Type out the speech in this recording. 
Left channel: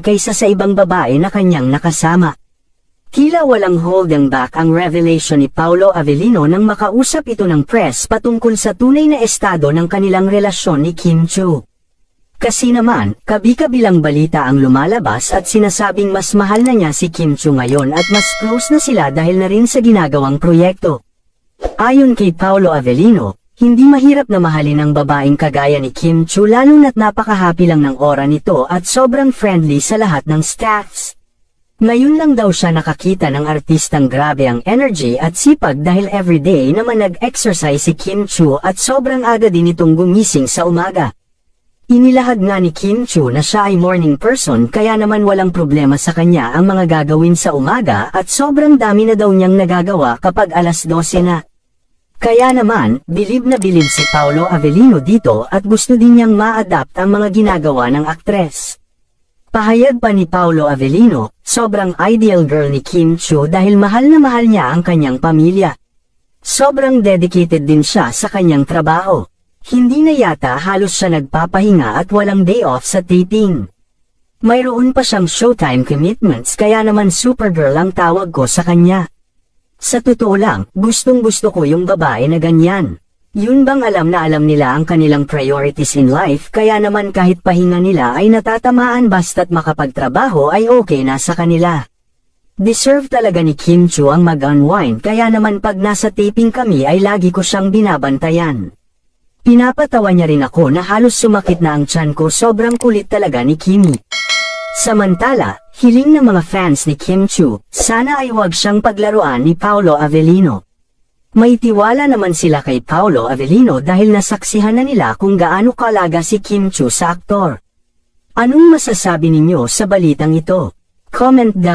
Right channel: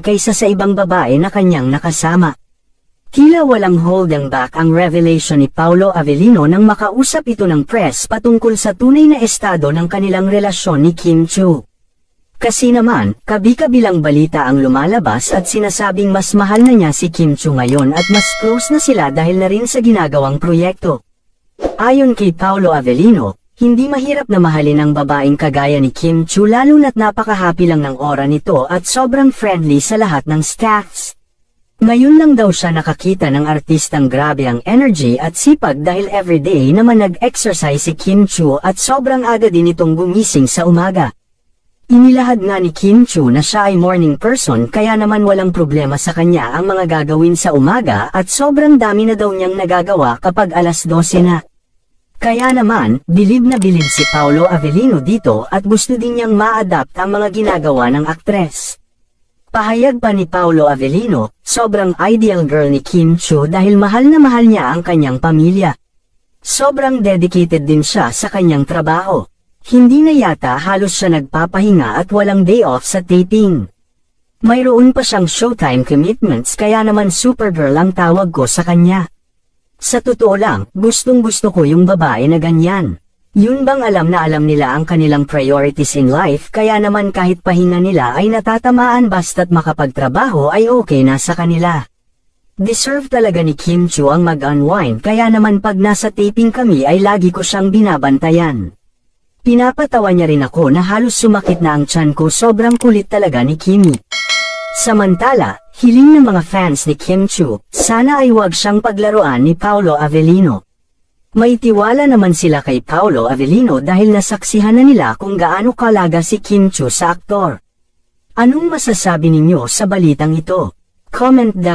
kaysa sa ibang babae na kanyang nakasama. Tila walang holding back ang revelation ni Paolo Avellino nang makausap ito ng press patungkol sa tunay na estado ng kanilang relasyon ni Kim Chiu. Kasi naman, kabi-kabilang balita ang lumalabas at sinasabing mas mahal na niya si Kim Chiu ngayon at mas close na sila dahil na rin sa ginagawang proyekto. Ayon kay Paolo Avellino, hindi mahirap na mahalin ang babaeng kagaya ni Kim Chiu lalo na't napaka-happy lang ng aura nito at sobrang friendly sa lahat ng staffs. Ngayon lang daw siya nakakita ng artistang grabe ang energy at sipag dahil everyday naman nag-exercise si Kim Chiu at sobrang aga din itong gumising sa umaga. Inilahad nga ni Kim Chiu na siya ay morning person kaya naman walang problema sa kanya ang mga gagawin sa umaga at sobrang dami na daw niyang nagagawa kapag alas 12 na. Kaya naman, bilib na bilib si Paolo Avellino dito at gusto din niyang ma-adapt ang mga ginagawa ng aktres. Pahayag pa ni Paolo Avellino, sobrang ideal girl ni Kim Chiu dahil mahal na mahal niya ang kanyang pamilya. Sobrang dedicated din siya sa kanyang trabaho. Hindi na yata halos siya nagpapahinga at walang day off sa taping. Mayroon pa siyang showtime commitments kaya naman supergirl ang tawag ko sa kanya. Sa totoo lang, gustong-gusto ko yung babae na ganyan. Yun bang alam na alam nila ang kanilang priorities in life kaya naman kahit pahinga nila ay natatamaan basta't makapagtrabaho ay okay na sa kanila. Deserve talaga ni Kim Chiu ang mag-unwind kaya naman pag nasa taping kami ay lagi ko siyang binabantayan. Pinapatawa niya rin ako na halos sumakit na ang tiyan ko sobrang kulit talaga ni Kimi. Samantala, hiling ng mga fans ni Kim Chiu, sana ay wag siyang paglaruan ni Paolo Avellino. May tiwala naman sila kay Paolo Avellino dahil nasaksihan na nila kung gaano kalaga si Kim Chiu sa aktor. Anong masasabi ninyo sa balitang ito? Comment down.